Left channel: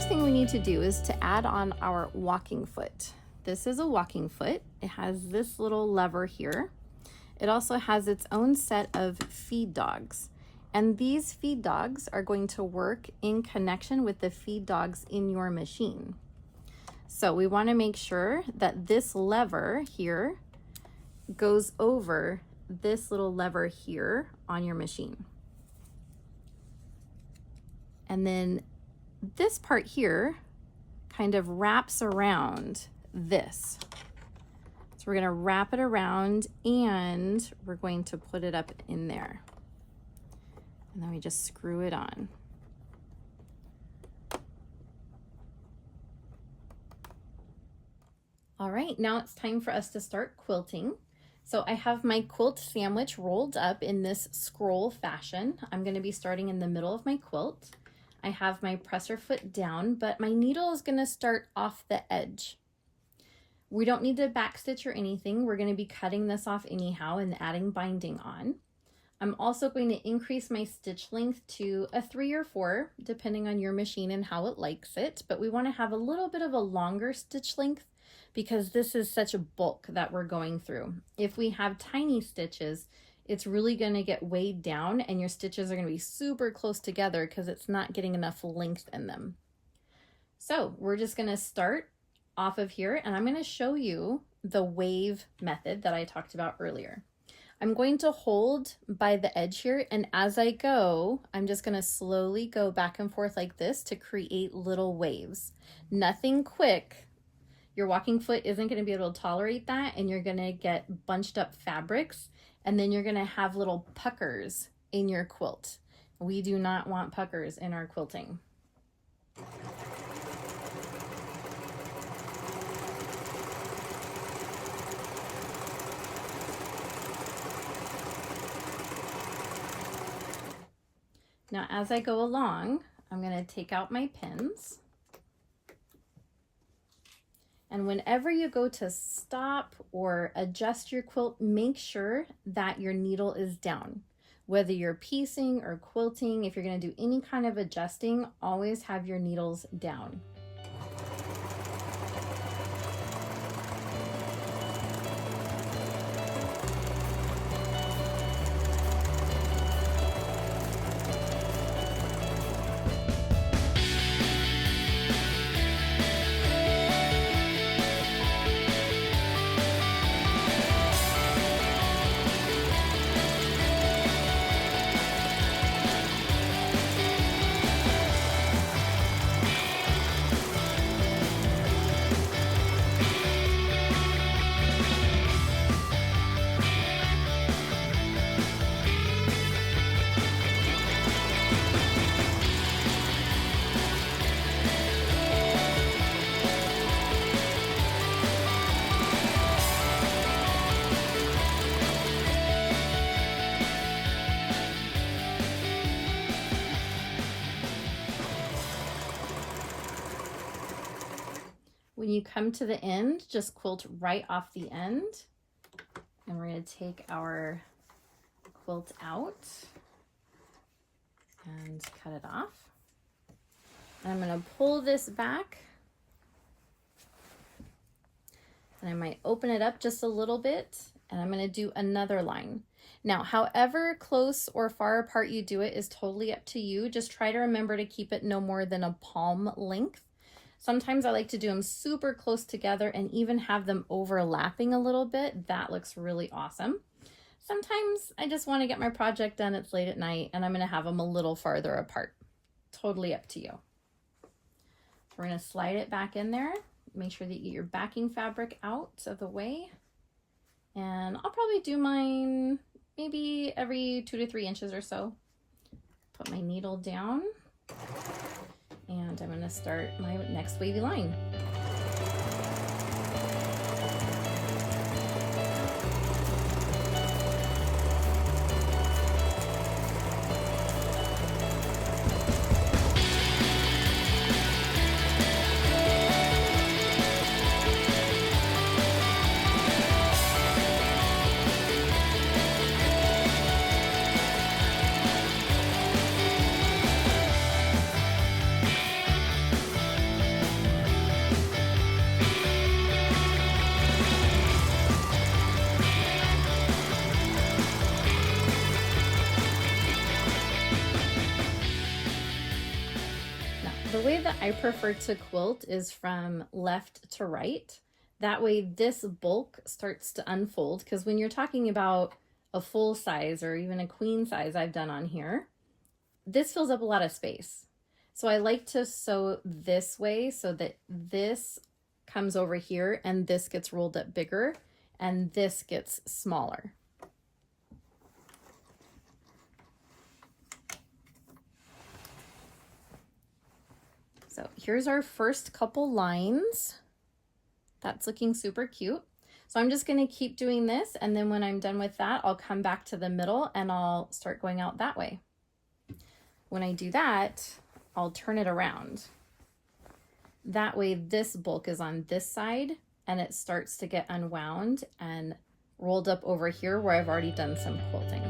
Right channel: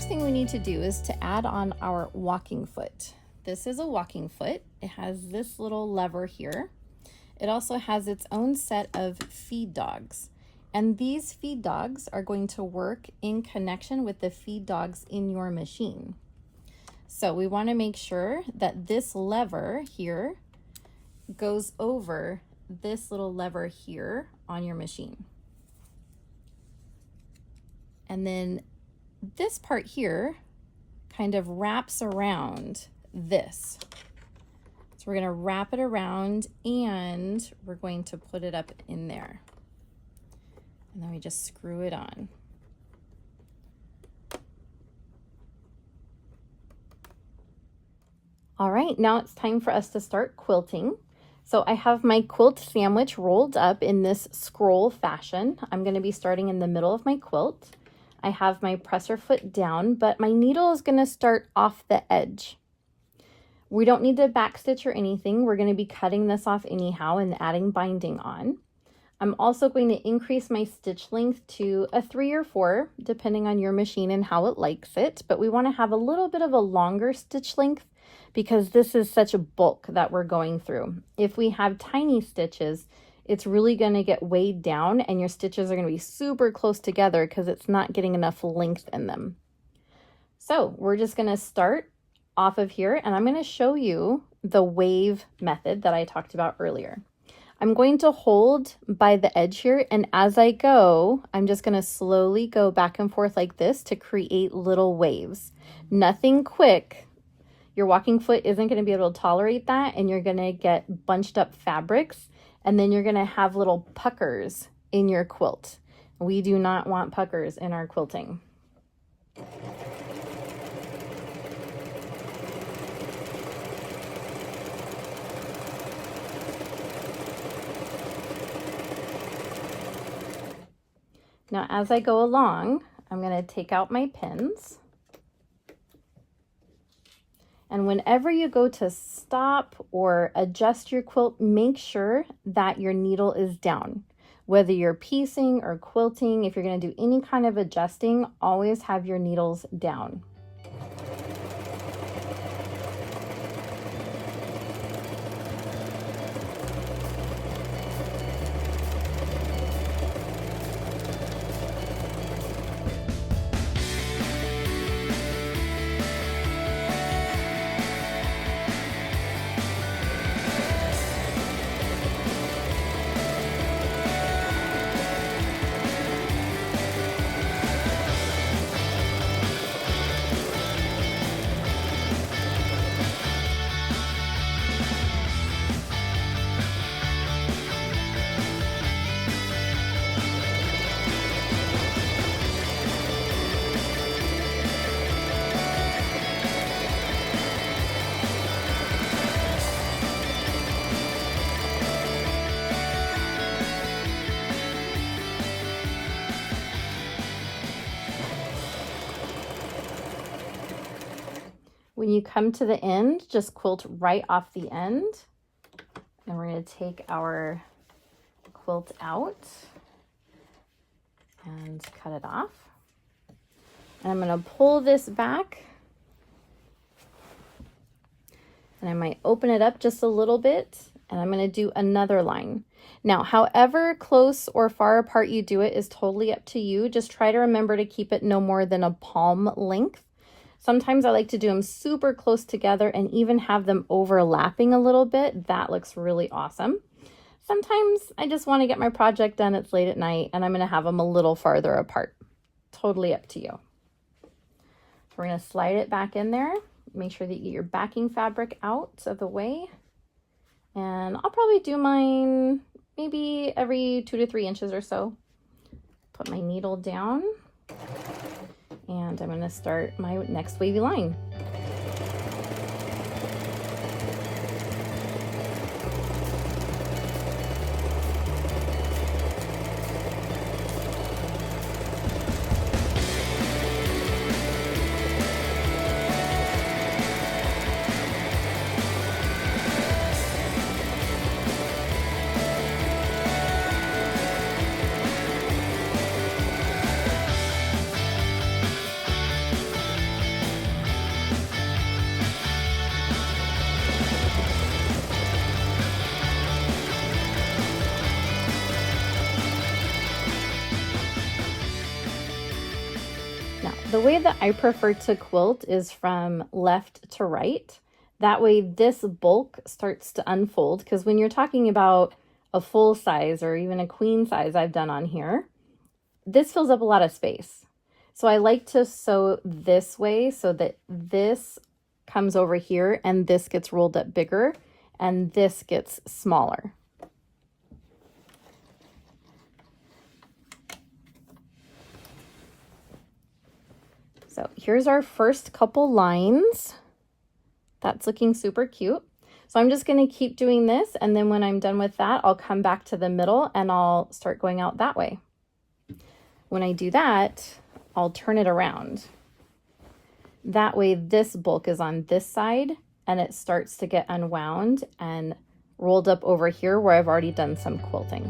first thing we need to do is to add on our walking foot. This is a walking foot. It has this little lever here. It also has its own set of feed dogs. And these feed dogs are going to work in connection with the feed dogs in your machine. So we want to make sure that this lever here goes over this little lever here on your machine. And then this part here kind of wraps around this. So we're going to wrap it around and we're going to put it up in there. And then we just screw it on. All right, now it's time for us to start quilting. So I have my quilt sandwich rolled up in this scroll fashion. I'm going to be starting in the middle of my quilt. I have my presser foot down, but my needle is going to start off the edge. We don't need to backstitch or anything. We're going to be cutting this off anyhow and adding binding on. I'm also going to increase my stitch length to a 3 or 4, depending on your machine and how it likes it. But we want to have a little bit of a longer stitch length because this is such a bulk that we're going through. If we have tiny stitches, it's really going to get weighed down and your stitches are going to be super close together because it's not getting enough length in them. So we're just going to start off of here and I'm going to show you the wave method that I talked about earlier. I'm going to hold by the edge here, and as I go, I'm just going to slowly go back and forth like this to create little waves. Nothing quick. Your walking foot isn't going to be able to tolerate that, and you're going to get bunched up fabrics, and then you're going to have little puckers in your quilt. We do not want puckers in our quilting. Now, as I go along, I'm going to take out my pins. And whenever you go to stop or adjust your quilt, make sure that your needle is down. Whether you're piecing or quilting, if you're going to do any kind of adjusting, always have your needles down. When you come to the end, just quilt right off the end. And we're going to take our quilt out and cut it off. And I'm going to pull this back. And I might open it up just a little bit. And I'm going to do another line. Now, however close or far apart you do it is totally up to you. Just try to remember to keep it no more than a palm length. Sometimes I like to do them super close together and even have them overlapping a little bit. That looks really awesome. Sometimes I just want to get my project done. It's late at night and I'm going to have them a little farther apart. Totally up to you. So we're going to slide it back in there. Make sure that you get your backing fabric out of the way. And I'll probably do mine maybe every 2 to 3 inches or so. Put my needle down. And I'm going to start my next wavy line. the way that I prefer to quilt is from left to right. That way this bulk starts to unfold, because when you're talking about a full size or even a queen size I've done on here, this fills up a lot of space. So I like to sew this way so that this comes over here and this gets rolled up bigger and this gets smaller. So here's our first couple lines. That's looking super cute. So I'm just going to keep doing this, and then when I'm done with that, I'll come back to the middle and I'll start going out that way. When I do that, I'll turn it around. That way this bulk is on this side and it starts to get unwound and rolled up over here where I've already done some quilting.